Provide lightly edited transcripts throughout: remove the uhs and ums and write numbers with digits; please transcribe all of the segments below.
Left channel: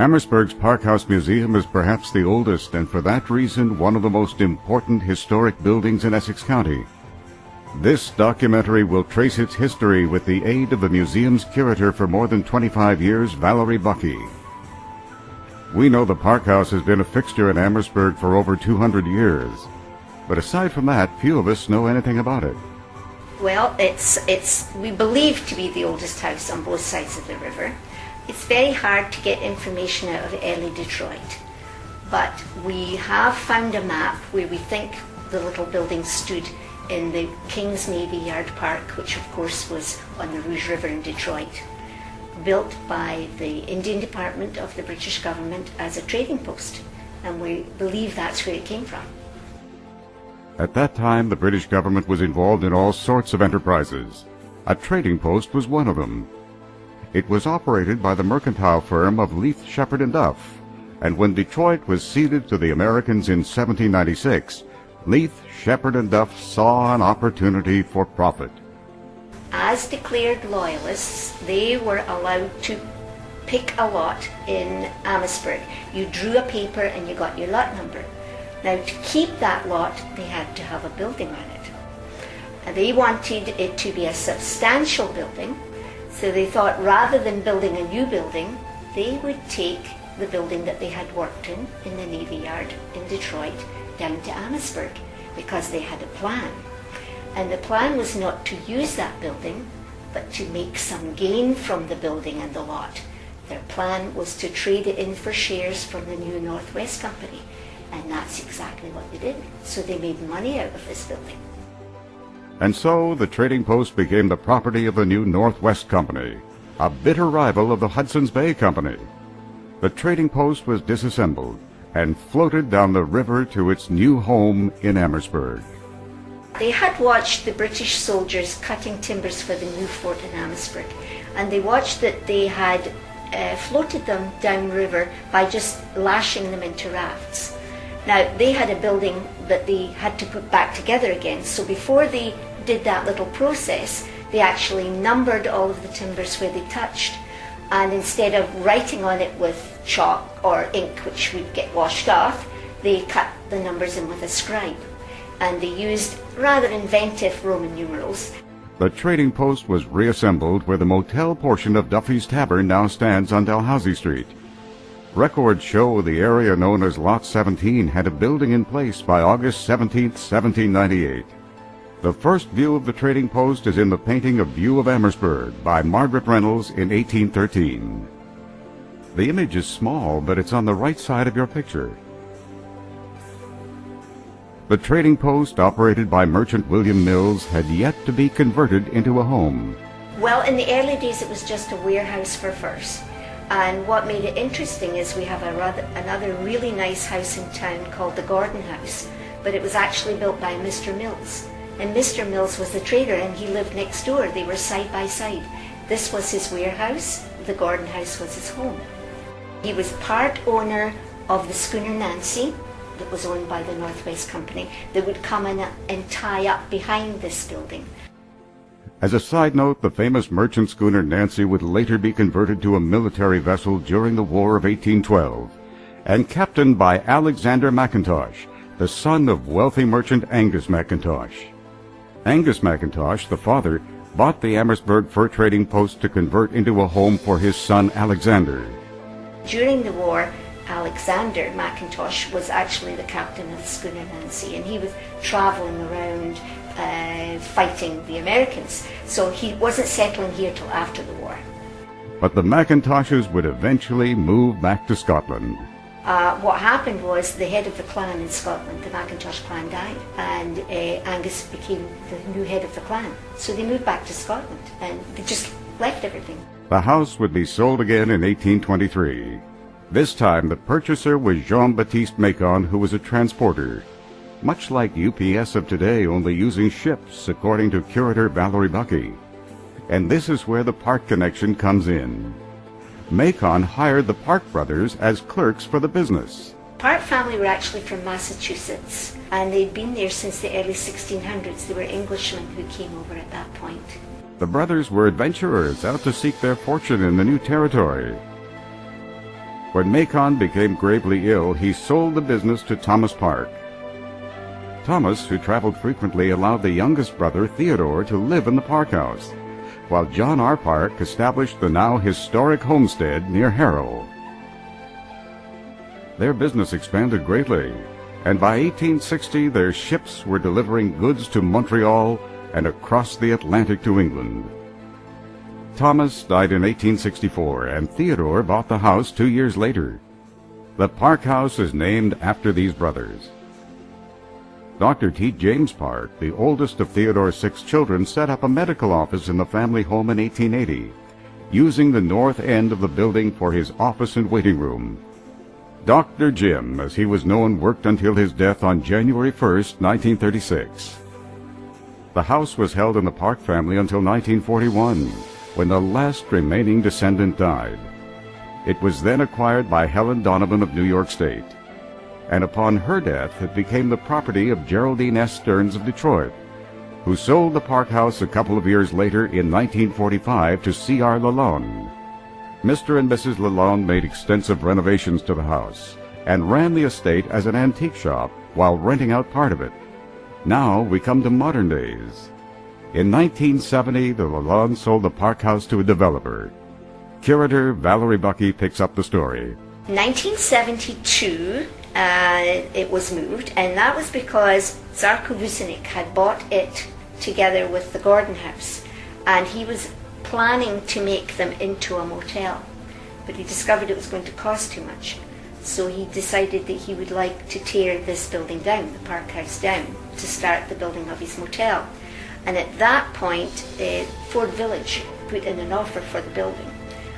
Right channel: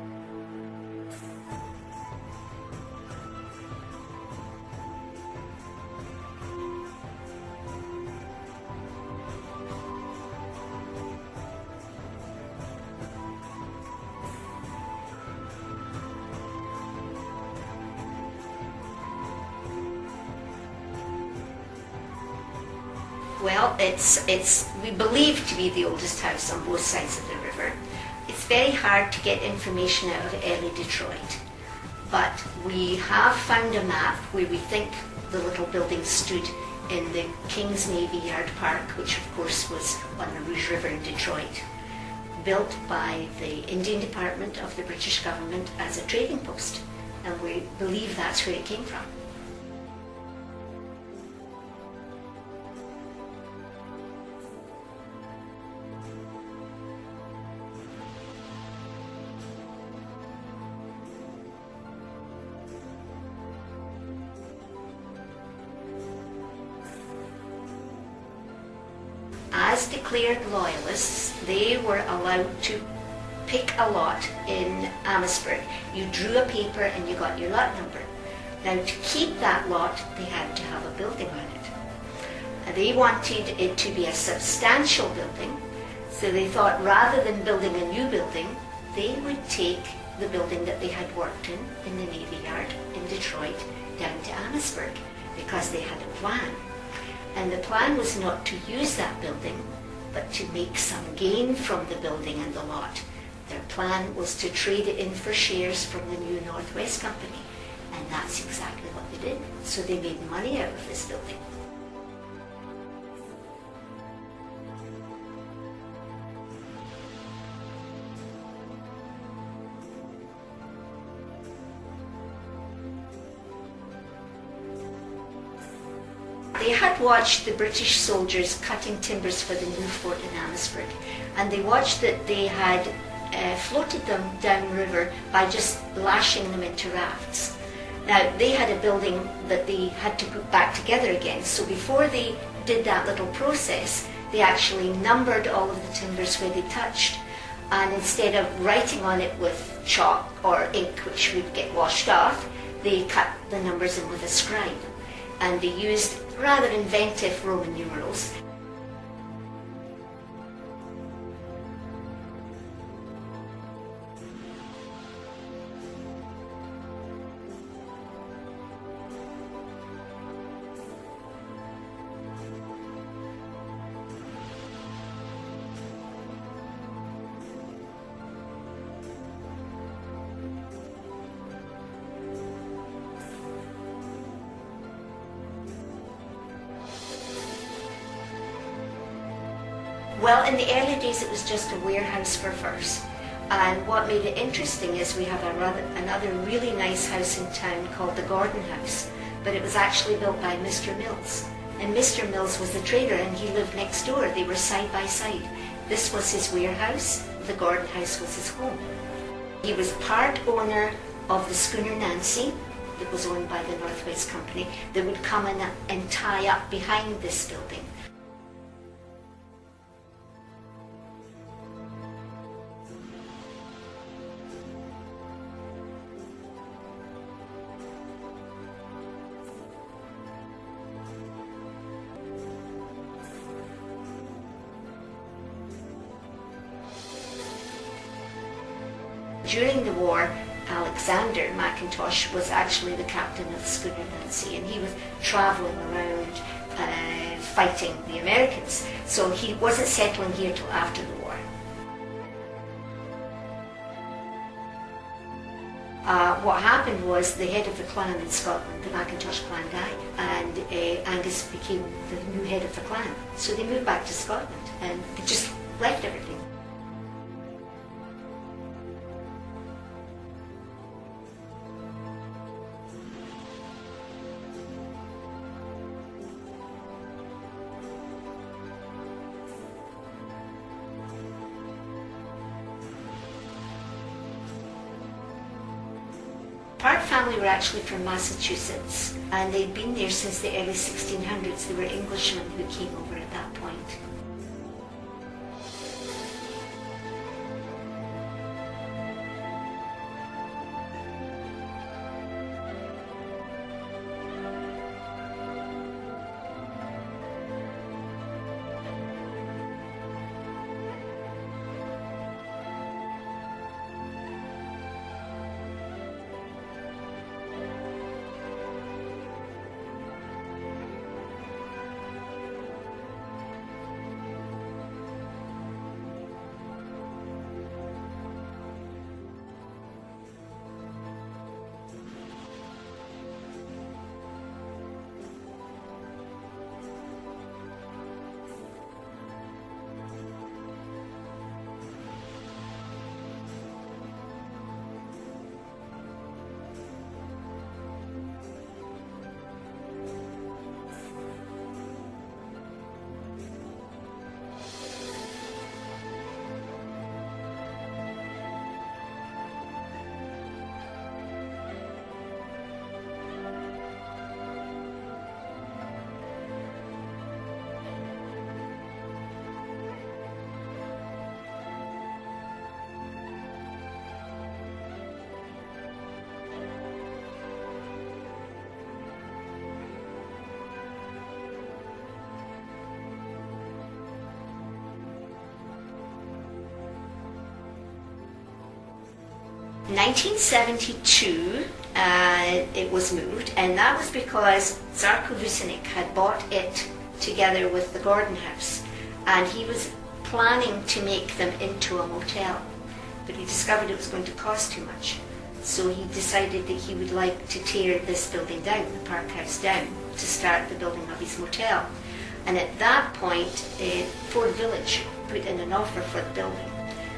Amherstburg's Park House Museum is perhaps the oldest and for that reason one of the most important historic buildings in Essex County. This documentary will trace its history with the aid of the museum's curator for more than 25 years, Valerie Buckey. We know the Park House has been a fixture in Amherstburg for over 200 years, but aside from that, few of us know anything about it. Well, it's we believe to be the oldest house on both sides of the river. It's very hard to get information out of early Detroit, but we have found a map where we think the little building stood in the King's Navy Yard Park, which of course was on the Rouge River in Detroit, built by the Indian Department of the British government as a trading post, and we believe that's where it came from. At that time, the British government was involved in all sorts of enterprises. A trading post was one of them. It was operated by the mercantile firm of Leith, Sheppard and Duff, and when Detroit was ceded to the Americans in 1796, Leith, Sheppard and Duff saw an opportunity for profit. As declared loyalists, they were allowed to pick a lot in Amherstburg. You drew a paper and you got your lot number. Now, to keep that lot, they had to have a building on it. They wanted it to be a substantial building, so they thought rather than building a new building, they would take the building that they had worked in the Navy Yard in Detroit, down to Amherstburg, because they had a plan. And the plan was not to use that building, but to make some gain from the building and the lot. Their plan was to trade it in for shares from the new Northwest Company, and that's exactly what they did. So they made money out of this building. And so the trading post became the property of the new Northwest Company, a bitter rival of the Hudson's Bay Company. The trading post was disassembled and floated down the river to its new home in Amherstburg. They had watched the British soldiers cutting timbers for the new fort in Amherstburg, and they watched that they had floated them downriver by just lashing them into rafts. Now, they had a building that they had to put back together again, so before they did that little process, they actually numbered all of the timbers where they touched, and instead of writing on it with chalk or ink, which would get washed off, they cut the numbers in with a scribe, and they used rather inventive Roman numerals. The trading post was reassembled where the motel portion of Duffy's Tavern now stands on Dalhousie Street. Records show the area known as Lot 17 had a building in place by August 17, 1798. The first view of the trading post is in the painting A View of Amherstburg by Margaret Reynolds in 1813. The image is small, but it's on the right side of your picture. The trading post, operated by merchant William Mills, had yet to be converted into a home. Well, in the early days it was just a warehouse for furs. And what made it interesting is we have another really nice house in town called the Gordon House, but it was actually built by Mr. Mills. And Mr. Mills was the trader and he lived next door. They were side by side. This was his warehouse, the Gordon House was his home. He was part owner of the schooner Nancy, that was owned by the Northwest Company, that would come in and tie up behind this building. As a side note, the famous merchant schooner Nancy would later be converted to a military vessel during the War of 1812, and captained by Alexander McIntosh, the son of wealthy merchant Angus McIntosh. Angus McIntosh, the father, bought the Amherstburg fur trading post to convert into a home for his son Alexander. During the war, Alexander McIntosh was actually the captain of the schooner Nancy, and he was traveling around fighting the Americans, so he wasn't settling here till after the war. But the McIntoshes would eventually move back to Scotland. What happened was the head of the clan in Scotland, the McIntosh clan, died, and Angus became the new head of the clan. So they moved back to Scotland, and they just left everything. The house would be sold again in 1823. This time the purchaser was Jean-Baptiste Macon, who was a transporter, much like UPS of today, only using ships, according to curator Valerie Buckey. And this is where the Park connection comes in. Macon hired the Park brothers as clerks for the business. Park family were actually from Massachusetts, and they'd been there since the early 1600s. They were Englishmen who came over at that point. The brothers were adventurers out to seek their fortune in the new territory. When Macon became gravely ill, he sold the business to Thomas Park. Thomas, who traveled frequently, allowed the youngest brother, Theodore, to live in the Park House, while John R. Park established the now historic homestead near Harrow. Their business expanded greatly, and by 1860 their ships were delivering goods to Montreal and across the Atlantic to England. Thomas died in 1864, and Theodore bought the house 2 years later. The Park House is named after these brothers. Dr. T. James Park, the oldest of Theodore's 6 children, set up a medical office in the family home in 1880, using the north end of the building for his office and waiting room. Dr. Jim, as he was known, worked until his death on January 1st, 1936. The house was held in the Park family until 1941, when the last remaining descendant died. It was then acquired by Helen Donovan of New York State, and upon her death it became the property of Geraldine S. Stearns of Detroit, who sold the Park House a couple of years later in 1945 to C.R. Lalonde. Mr. and Mrs. Lalonde made extensive renovations to the house and ran the estate as an antique shop while renting out part of it. Now we come to modern days. In 1970, the Lalonde sold the Park House to a developer. Curator Valerie Buckey picks up the story. 1972, it was moved, and that was because Zarko Vucinic had bought it together with the Gordon House, and he was planning to make them into a motel, but he discovered it was going to cost too much. So he decided that he would like to tear this building down, the Park House down, to start the building of his motel. And at that point, Ford Village put in an offer for the building,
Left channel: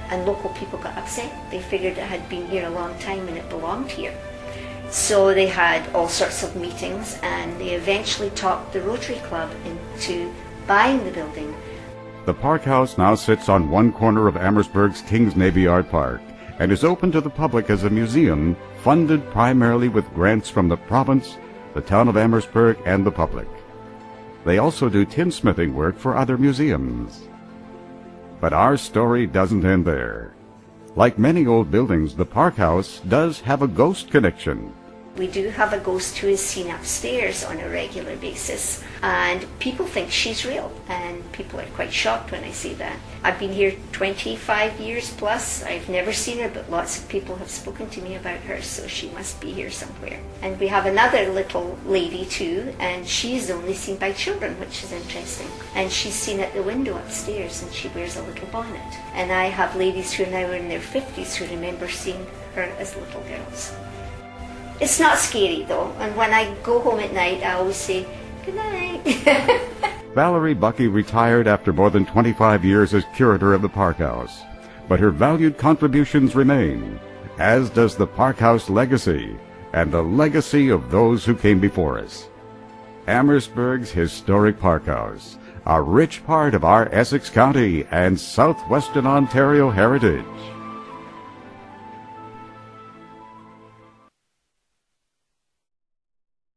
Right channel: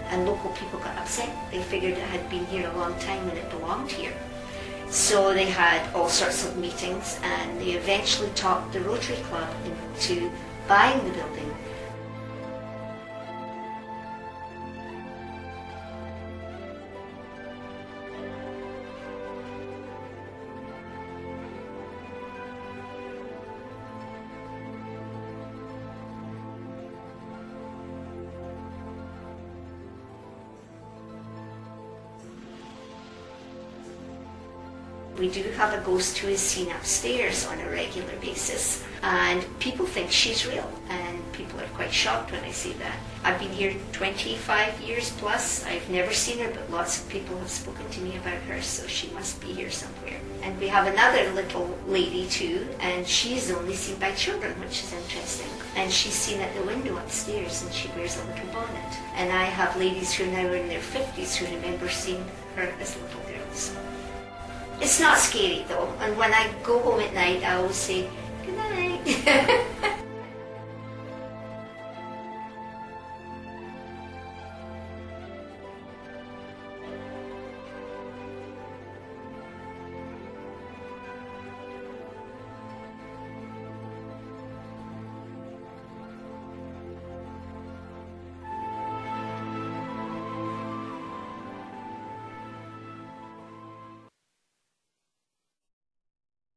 and local people got upset. They figured it had been here a long time and it belonged here. So they had all sorts of meetings, and they eventually talked the Rotary Club into buying the building. The Park House now sits on one corner of Amherstburg's Kings Navy Yard Park and is open to the public as a museum funded primarily with grants from the province, the town of Amherstburg, and the public. They also do tinsmithing work for other museums. But our story doesn't end there. Like many old buildings, the Park House does have a ghost connection. We do have a ghost who is seen upstairs on a regular basis, and people think she's real, and people are quite shocked when I say that. I've been here 25 years plus. I've never seen her, but lots of people have spoken to me about her, so she must be here somewhere. And we have another little lady too, and she's only seen by children, which is interesting. And she's seen at the window upstairs, and she wears a little bonnet. And I have ladies who are now in their 50s who remember seeing her as little girls. It's not scary though, and when I go home at night I always say, good night. Valerie Buckey retired after more than 25 years as curator of the Park House, but her valued contributions remain, as does the Park House legacy and the legacy of those who came before us. Amherstburg's historic Park House, a rich part of our Essex County and southwestern Ontario heritage.